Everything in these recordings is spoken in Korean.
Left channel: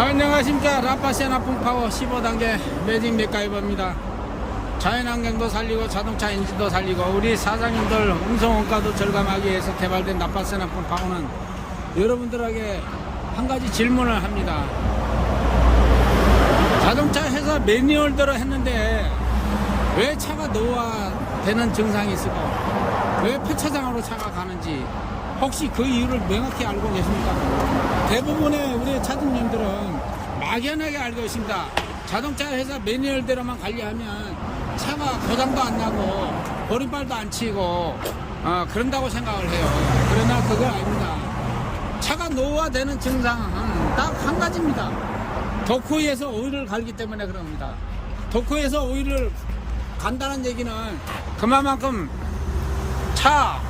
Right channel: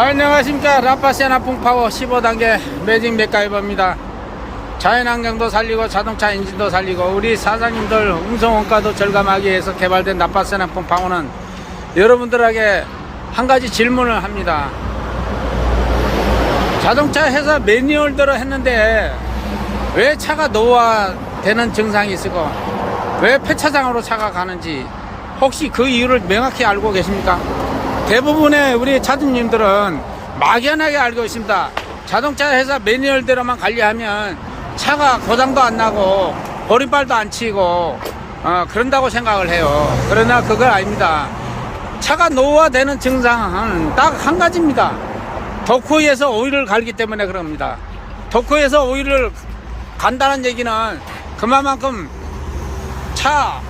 안녕하십니까. 라파시아나 풍파워 15단계 매직 맥가이버입니다. 자연환경도 살리고 자동차 엔진도 살리고 우리 사장님들 운송원가도 절감하기 위해서 개발된 라파시아나 풍파워는 여러분들에게 한 가지 질문을 합니다. 자동차 회사 매뉴얼대로 했는데 왜 차가 노후화되는 증상이 있고 왜 폐차장으로 차가 가는지 혹시 그 이유를 명확히 알고 계십니까? 대부분의 우리 차주님들은 막연하게 알고 있습니다. 자동차 회사 매뉴얼대로만 관리하면 차가 고장도 안 나고 버림발도 안 치고 그런다고 생각을 해요. 그러나 그건 아닙니다. 차가 노후화되는 증상은 딱 한 가지입니다. 도크에서 오일을 갈기 때문에 그럽니다. 도크에서 오일을 간다는 얘기는 그만큼 차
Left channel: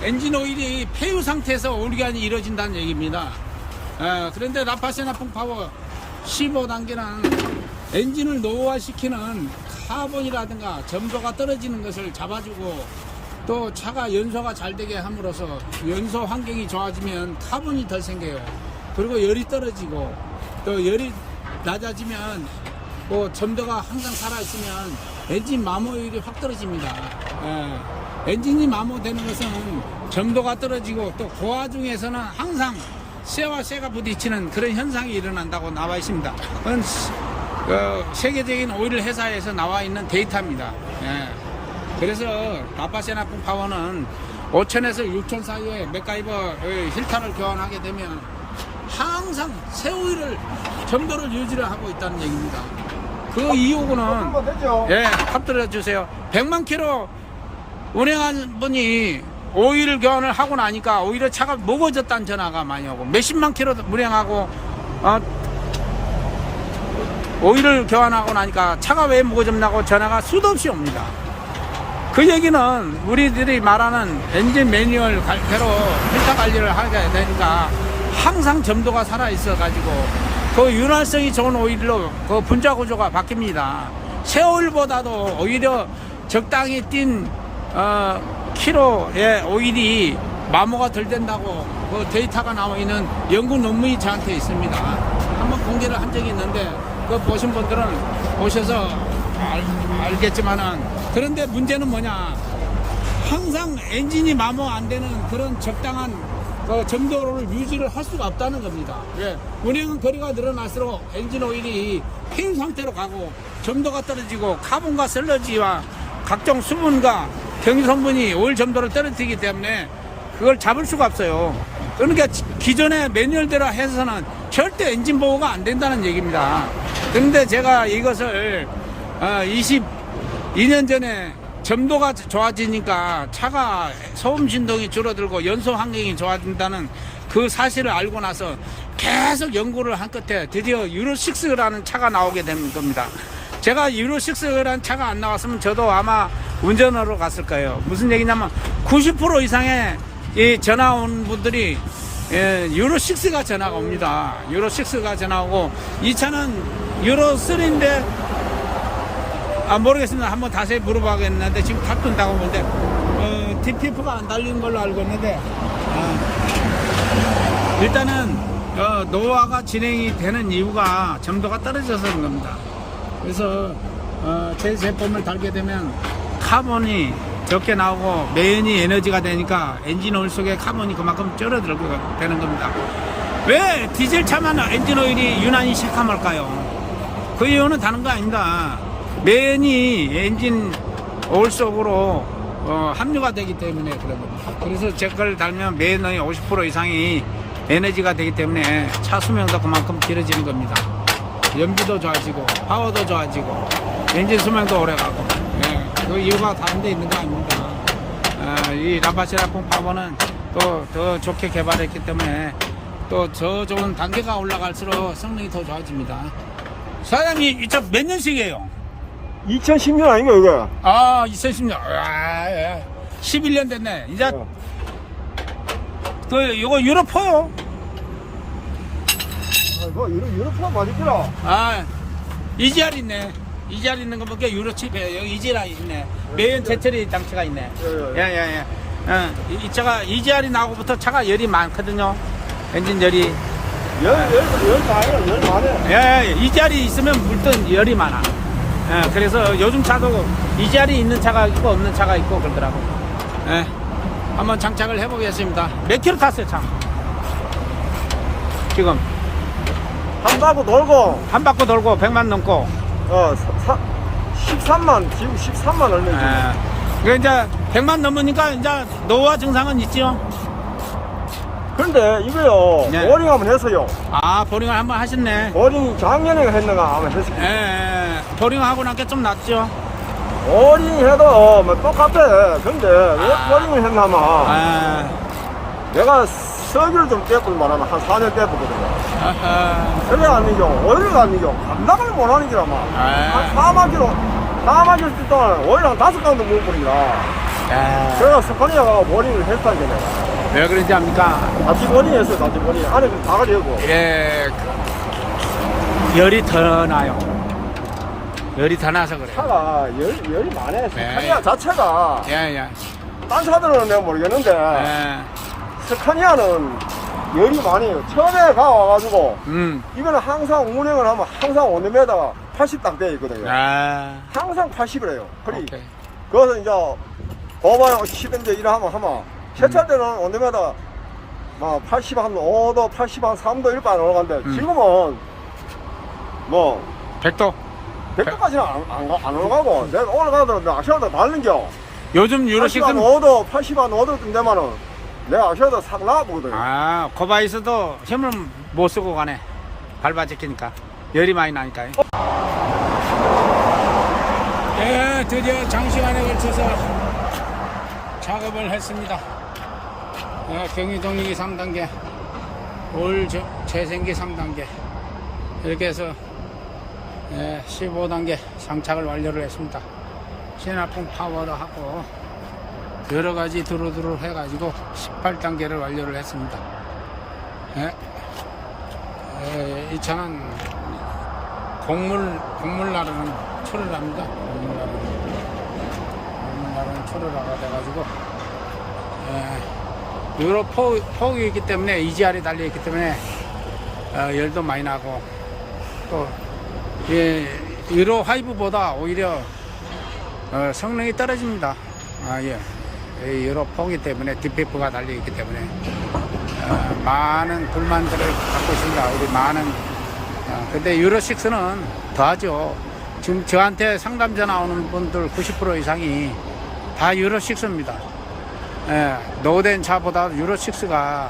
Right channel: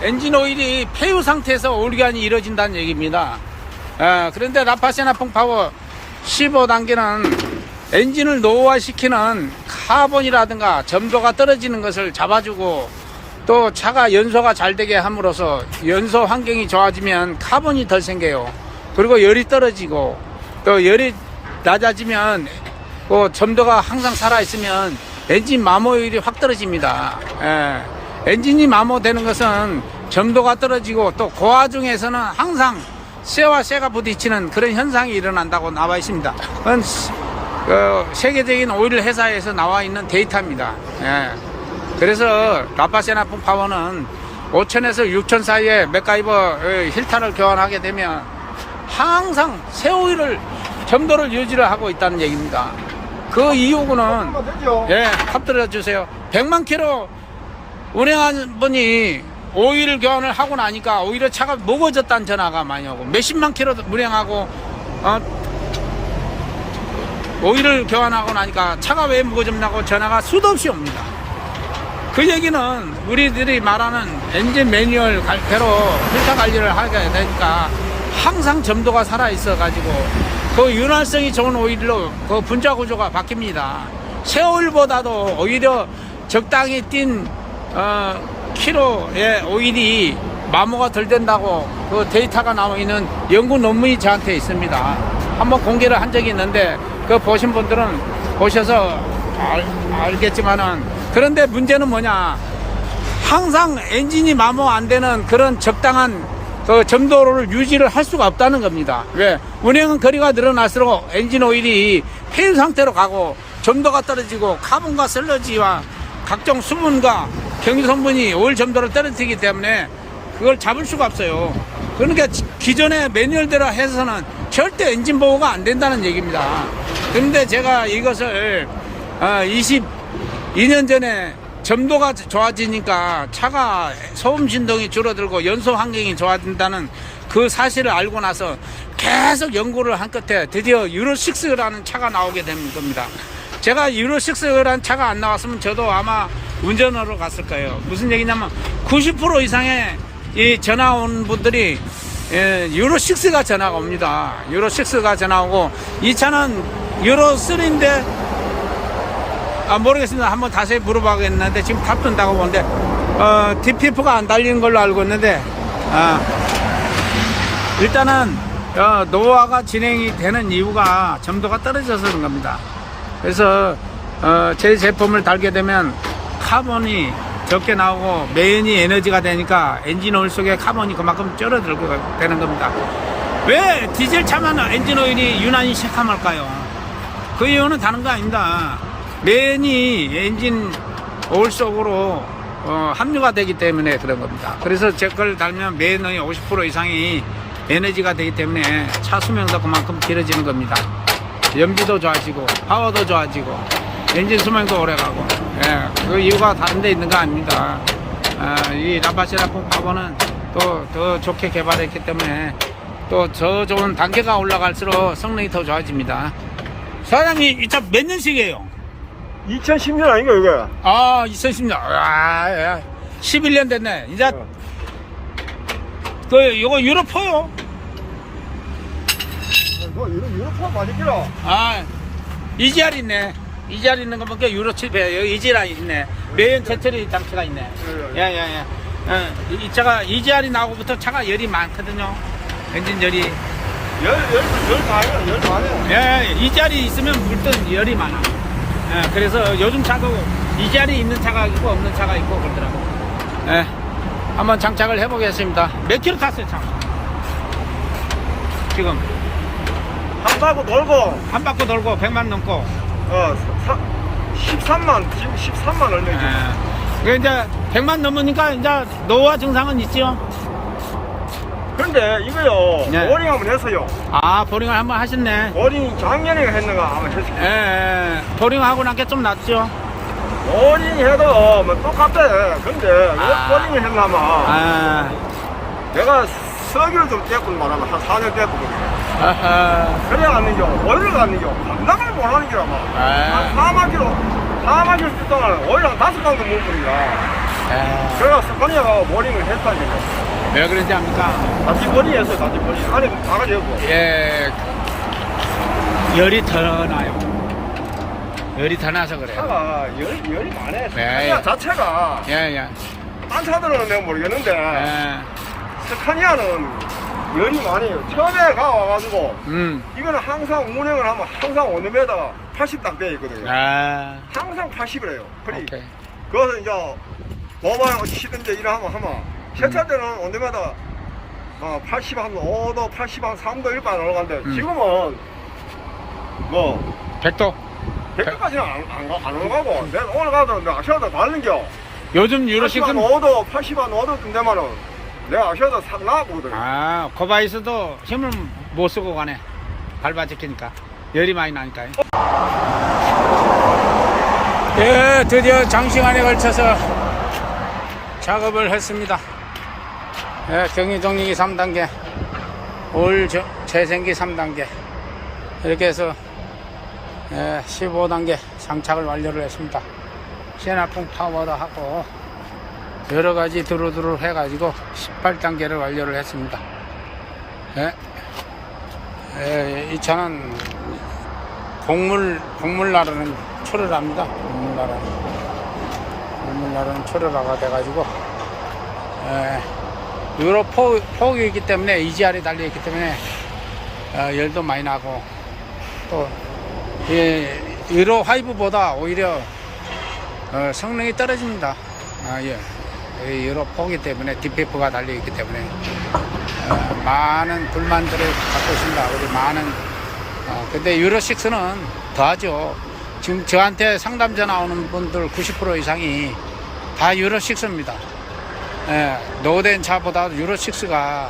엔진 오일이 폐유 상태에서 오일관이 이루어진다는 얘기입니다. 그런데 라파시아나 풍파워 15단계는 엔진을 노후화시키는 카본이라든가 점도가 떨어지는 것을 잡아주고 또 차가 연소가 잘 되게 함으로써 연소 환경이 좋아지면 카본이 덜 생겨요. 그리고 열이 떨어지고 또 열이 낮아지면 점도가 항상 살아있으면 엔진 마모율이 확 떨어집니다. 엔진이 마모되는 것은 점도가 떨어지고 또 그 와중에서는 항상 쇠와 쇠가 부딪히는 그런 현상이 일어난다고 나와 있습니다. 그건 세계적인 오일 회사에서 나와 있는 데이터입니다. 그래서 라파시아나 풍파워는 5,000에서 6,000 사이에 맥가이버 힐타를 교환하게 되면 항상 새 오일을 점도를 유지를 하고 있다는 얘기입니다. 그 이유는 합 들어주세요. 100만 킬로 운행한 분이 오일 교환을 하고 나니까 오히려 차가 무거워졌다는 전화가 많이 오고 몇십만 킬로 운행하고 오일을 교환하고 나니까 차가 왜 무거워졌냐고 전화가 수도 없이 옵니다. 그 얘기는 우리들이 말하는 엔진 매뉴얼대로 필터 관리를 하게 되니까 항상 점도가 살아있어 가지고 그 윤활성이 좋은 오일로 그 분자 구조가 바뀝니다. 새 오일보다도 오히려 적당히 뛴 키로의 오일이 마모가 덜 된다고 그 데이터가 나와 있는 연구 논문이 저한테 있습니다. 한번 공개를 한 적이 있는데 그 보신 분들은 보셔서 알겠지만은 그런데 문제는 뭐냐, 항상 엔진이 마모 안 되는 그런 적당한 그 점도를 유지를 할 수가 없다는 겁니다. 왜? 운행 거리가 늘어날수록 엔진 오일이 폐유 상태로 가고 점도가 떨어지고 카본과 슬러지와 각종 수분과 경유성분이 오일 점도를 떨어뜨리기 때문에 그걸 잡을 수가 없어요. 그러니까 기존의 매뉴얼대로 해서는 절대 엔진 보호가 안 된다는 얘기입니다. 그런데 제가 이것을 22년 전에 점도가 좋아지니까 차가 소음 진동이 줄어들고 연소 환경이 좋아진다는 그 사실을 알고 나서 계속 연구를 한 끝에 드디어 유로6라는 차가 나오게 된 겁니다. 제가 유로6라는 차가 안 나왔으면 저도 아마 운전하러 갔을 거예요. 무슨 얘기냐면 90% 이상의 이 전화 온 분들이 유로6가 전화가 옵니다. 유로6가 전화 오고 이 차는 유로3인데 모르겠습니다. 한번 자세히 물어봐야겠는데 지금 탑뜬다고 보는데 DPF가 안 달리는 걸로 알고 있는데 일단은 노후화가 진행이 되는 이유가 점도가 떨어져서 그런 겁니다. 그래서 제 제품을 달게 되면 카본이 적게 나오고 매연이 에너지가 되니까 엔진 오일 속에 카본이 그만큼 줄어들게 되는 겁니다. 왜 디젤 차만 엔진 오일이 유난히 새카mal까요? 그 이유는 다른 거 아닙니다. 매연이 엔진 오일 속으로 함유가 되기 때문에 그런 겁니다. 그래서 제 걸 달면 매연의 50% 이상이 에너지가 되기 때문에 차 수명도 그만큼 길어지는 겁니다. 연비도 좋아지고 파워도 좋아지고 엔진 수명도 오래가고 그 이유가 다른 데 있는 거 아닙니다. 이 라파시아나 풍파워는 또 더 좋게 개발했기 때문에 또 더 좋은 단계가 올라갈수록 성능이 더 좋아집니다. 사장님 이 차 몇 년식이에요? 2010년 아닌가 이게? 2010년 11년 됐네. 이제 이거 유로4요. 유로파 맞을게라. EGR 있네. EGR 있는 거 보니까 유로7 여기 EGR 있네. 매연 제처리 장치가 있네. 이 차가 EGR이 나오고부터 차가 열이 많거든요. 엔진 열이. 열 많아요. 예, 이 자리 있으면 물든 열이 많아. 예, 그래서 요즘 차도 이 자리 있는 차가 있고 없는 차가 있고 그러더라고. 예, 한번 장착을 해보겠습니다. 몇 킬로 탔어요, 참? 지금 한 바퀴 돌고, 한 바퀴 돌고 100만 넘고. 13만, 지금 13만 얼마. 예, 그 이제 100만 넘으니까 이제 노화 증상은 있지요. 근데 이거요, 네. 보링 한번 했어요. 아, 보링을 한번 하셨네. 보링 작년에 했는가 아마 했을 예, 거예요. 예, 보링하고 나니까 좀 낫죠. 보링 해도 뭐 똑같아. 근데 왜 보링을 했냐면, 아, 내가 석유를 좀 떼고 말하면 한 4년 떼거든요. 아하. 그래 안 되죠. 오일을 안 되죠. 반납을 못 하는 게라 막. 아. 4만 킬로 동안 오일 한 5방도 못 버리냐. 아, 그래서 스카니아가 보링을 했다는 거예요. 왜 그런지 압니까? 같이 보링 했어, 같이 보링. 안에 다가 열고. 예, 열이 더 나요. 열이 더 나서 그래요. 차가 열이 많아. 네. 스카니아 자체가. 예, 예. 딴 차들은 내가 모르겠는데. 예. 스카니아는 열이 많이 해요. 처음에 가와가지고. 음. 이거는 항상 운행을 하면 항상 온도메다 80 딱 되어 있거든요. 아, 항상 80을 해요. 그리 오케이. 그것은 이제 고발 시든지 이러하면 세차 때는 온도메다 막 80 한 5도, 80 한 3도 이렇게 안 올라가는데 지금은 뭐 100도. 100도까지는 안 올라가고 내가 올라가도 내가 아시아도 다른겨. 요즘 유로 80 한 6은 5도, 80 한 5도 되면은 내가 아시아도 싹 나와보거든. 아, 고바이스도 힘을 못 쓰고 가네. 밟아 지키니까. 열이 많이 나니까요. 예, 드디어 장시간에 걸쳐서 작업을 했습니다. 예, 경유정리기 3단계, 올 재생기 3단계. 이렇게 해서 15단계 장착을 완료를 했습니다. 시나풍 파워도 하고 여러가지 두루두루 해가지고 18단계를 완료를 했습니다. 이 차는 곡물 나르는 초르라입니다. 곡물 나르는 초르라가 돼가지고 유로 폭이기 때문에 EGR이 달려있기 때문에 열도 많이 나고 또 유로 5보다 오히려 성능이 떨어집니다. 유로 폭이기 때문에 DPF가 달려있기 때문에 많은 불만들을 갖고 있습니다. 우리 많은 근데 유로 6는 더하죠. 지금 저한테 상담 전화 오는 분들 90% 이상이 다 유로 6입니다. 노후된 차보다 유로 6가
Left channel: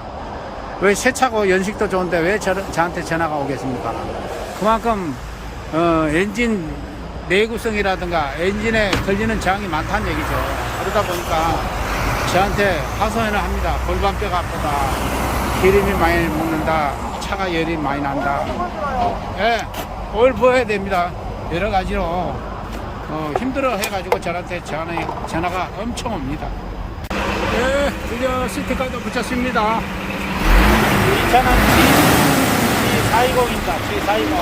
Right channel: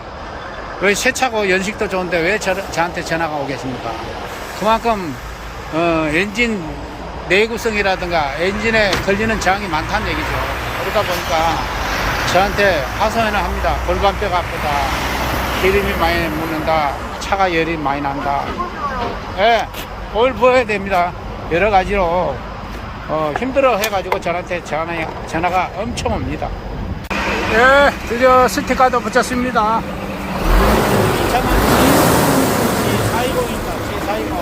왜 새 차고 연식도 좋은데 왜 저한테 전화가 오겠습니까? 그만큼 엔진 내구성이라든가 엔진에 걸리는 저항이 많다는 얘기죠. 그러다 보니까 저한테 하소연을 합니다. 골반뼈가 아프다, 기름이 많이 묻는다, 차가 열이 많이 난다. 오일 부어야 됩니다. 여러 가지로 힘들어 해가지고 저한테 전화가 엄청 옵니다. 드디어 스티커도 붙였습니다. 이 차는 G420입니다. G420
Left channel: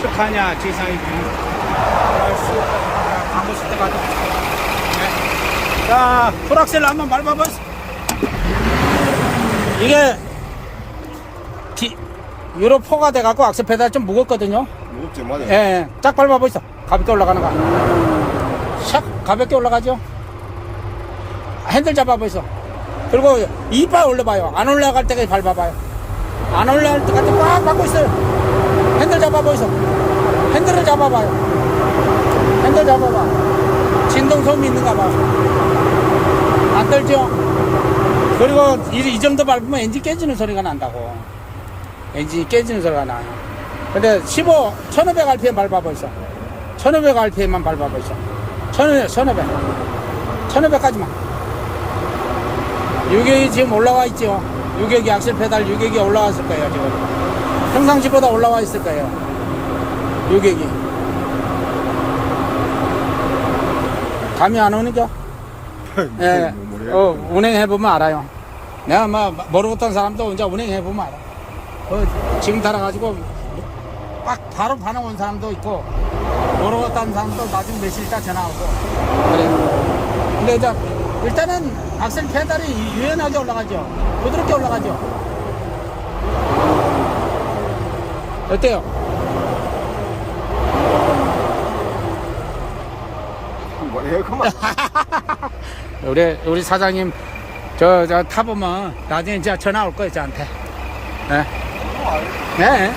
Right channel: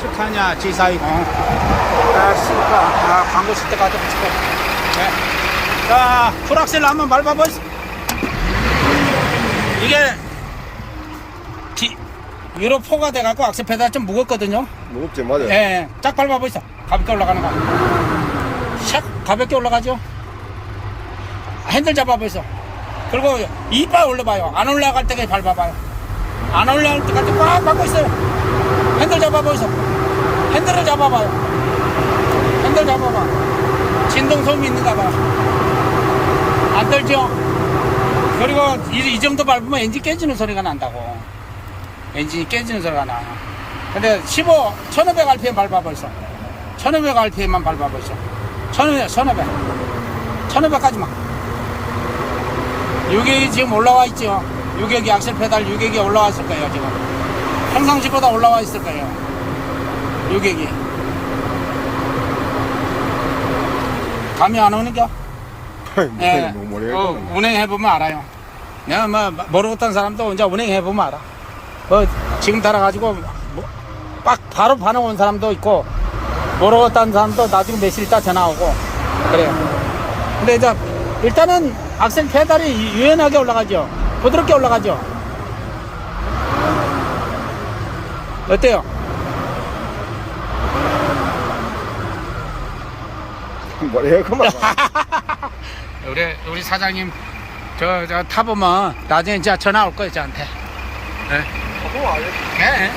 스카니아 G420 광고 스티커도 붙이고. 자, 풀악셀 한번 밟아보세요. 이게 유로 4가 돼갖고 악셀 페달 좀 무겁거든요. 무겁지, 맞아요. 쫙 밟아보시죠. 가볍게 올라가는 거. 샥 가볍게 올라가죠. 핸들 잡아보시죠. 그리고 이빨 올려봐요. 안 올라갈 때까지 밟아봐요. 안 올라갈 때까지 꽉 밟고 있어요. 핸들 잡아보시죠. 핸들을 잡아봐요. 핸들 잡아봐. 진동 소음이 있는가 봐. 안 떨죠? 그리고 이 정도 밟으면 엔진 깨지는 소리가 난다고. 엔진이 깨지는 소리가 나. 근데 1500rpm 밟아보시죠. 1500rpm만 밟아보시죠. 1500까지만. 유격이 지금 올라와 있죠. 유격이 악셀 페달 유격이 올라왔을 거예요. 지금 평상시보다 올라와 있을 거예요. 유격이 감이 안 오는겨? 운행해보면 알아요. 내가 모르겠다는 사람도 이제 운행해보면 알아. 지금 달아가지고 바로 반응 온 사람도 있고 모르겠다는 사람도 나중에 며칠 있다 전화 오고 그래요. 근데 이제 일단은 악셀 페달이 유연하게 올라가죠. 부드럽게 올라가죠. 어때요? 뭐래 그만. 우리 사장님 저 타보면 나중에 진짜 전화 올 거예요 저한테. 예. 예.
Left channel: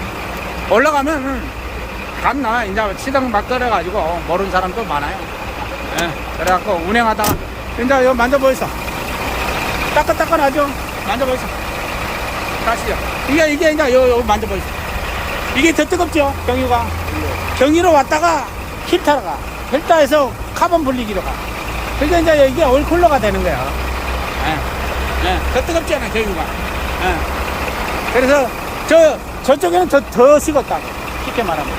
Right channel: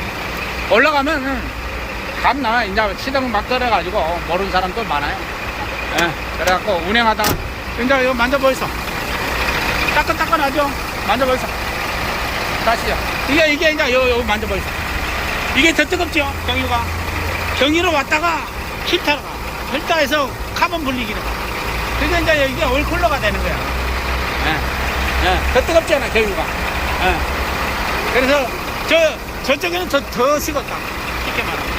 올라가면은 갔나 이제 시동 막 떨어가지고 모르는 사람도 많아요. 예. 그래갖고 운행하다가 이제 이거 만져보이소. 따끈따끈하죠? 만져보이소. 다시죠. 이게 이제 요 만져보이소. 이게 더 뜨겁죠? 경유가. 경유로 왔다가 힐타로 가. 힐타에서 카본 분리기로 가. 그게 이제 이게 올쿨러가 되는 거야. 예. 예. 더 뜨겁잖아, 경유가. 예. 그래서 저쪽에는 더 식었다. 쉽게 말하면.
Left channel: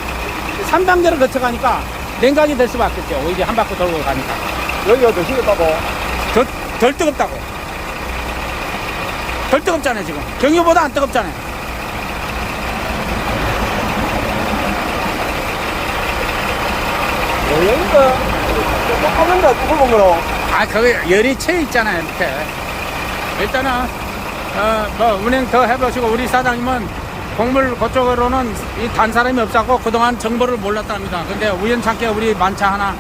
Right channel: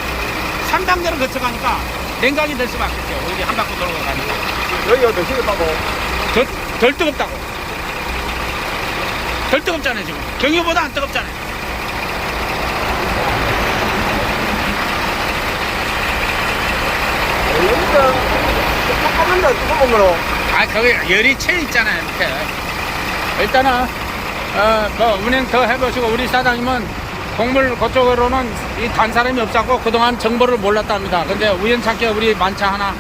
3단계를 거쳐가니까 냉각이 될 수밖에 없죠. 이게 한 바퀴 돌고 가니까. 여기가 더 시겠다고. 덜 뜨겁다고. 덜 뜨겁잖아요, 지금. 경유보다 안 뜨겁잖아요. 똑같은데 뚫어보면 아, 거기 열이 채 있잖아요, 밑에. 일단은, 뭐, 운행 더 해보시고, 우리 사장님은 곡물 그쪽으로는 이 단 사람이 없었고, 그동안 정보를 몰랐답니다. 근데 우연찮게 우리 만차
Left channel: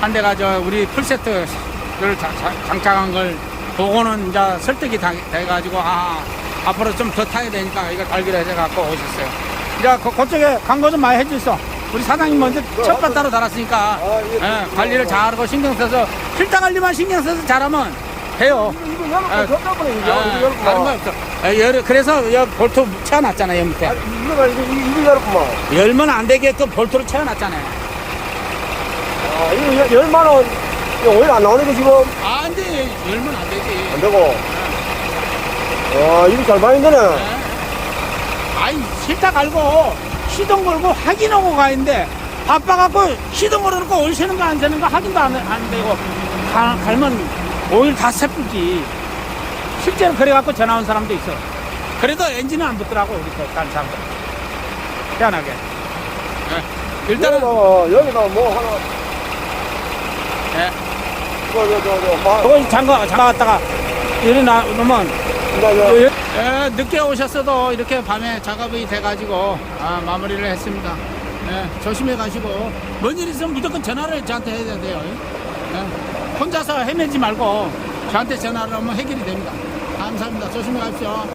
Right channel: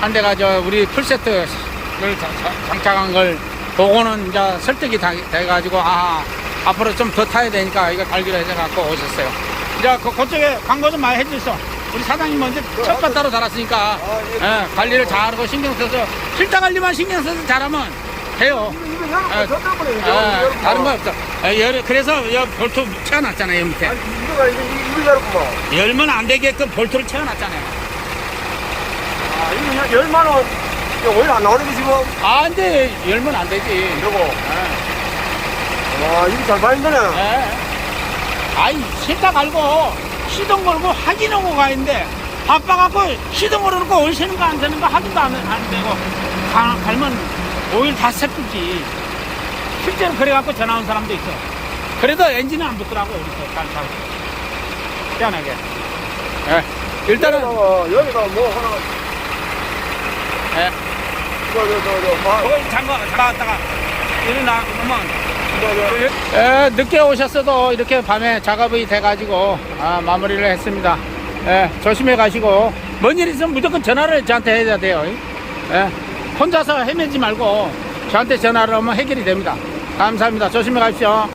한 대가 우리 풀세트를 장착한 걸 보고는 이제 설득이 돼가지고, 앞으로 좀 더 타야 되니까 이거 달기로 해서 오셨어요. 이제 그쪽에 광고 좀 많이 해주소. 우리 사장님 먼저 첫번 따로 달았으니까, 예, 관리를 잘하고 신경 써서, 필터 관리만 신경 써서 잘하면 돼요. 다른 거 없어. 그래서 여 볼트 채워놨잖아요, 밑에. 열면 안 되게끔 볼트를 채워놨잖아요. 이게 10만원 오늘 안 나가는 게 지금 안 돼. 열면 안 되지. 되고. 와, 이게 잘 다닌 거네. 아이, 싫다 갈고, 시동 걸고 확인하고 가는데, 바빠갖고 시동 걸어놓고 올 새는 거 안 새는 거 확인도 안 되고, 갈면 오일 다 새쁘지. 실제로 그래갖고 전화 온 사람도 있어요. 그래도 엔진은 안 붙더라고, 우리 다른 사람들. 희한하게. 예. 일단은, 여기서 뭐 하나. 예. 그걸 잠가갔다가, 이러면, 늦게 오셨어도 이렇게 밤에 작업이 돼가지고, 마무리를 했습니다. 예, 조심해 가시고, 뭔 일 있으면 무조건 전화를 저한테 해야 돼요. 예, 혼자서 헤매지 말고, 저한테 전화를 하면 해결이 됩니다. 감사합니다. 조심해 가십시오.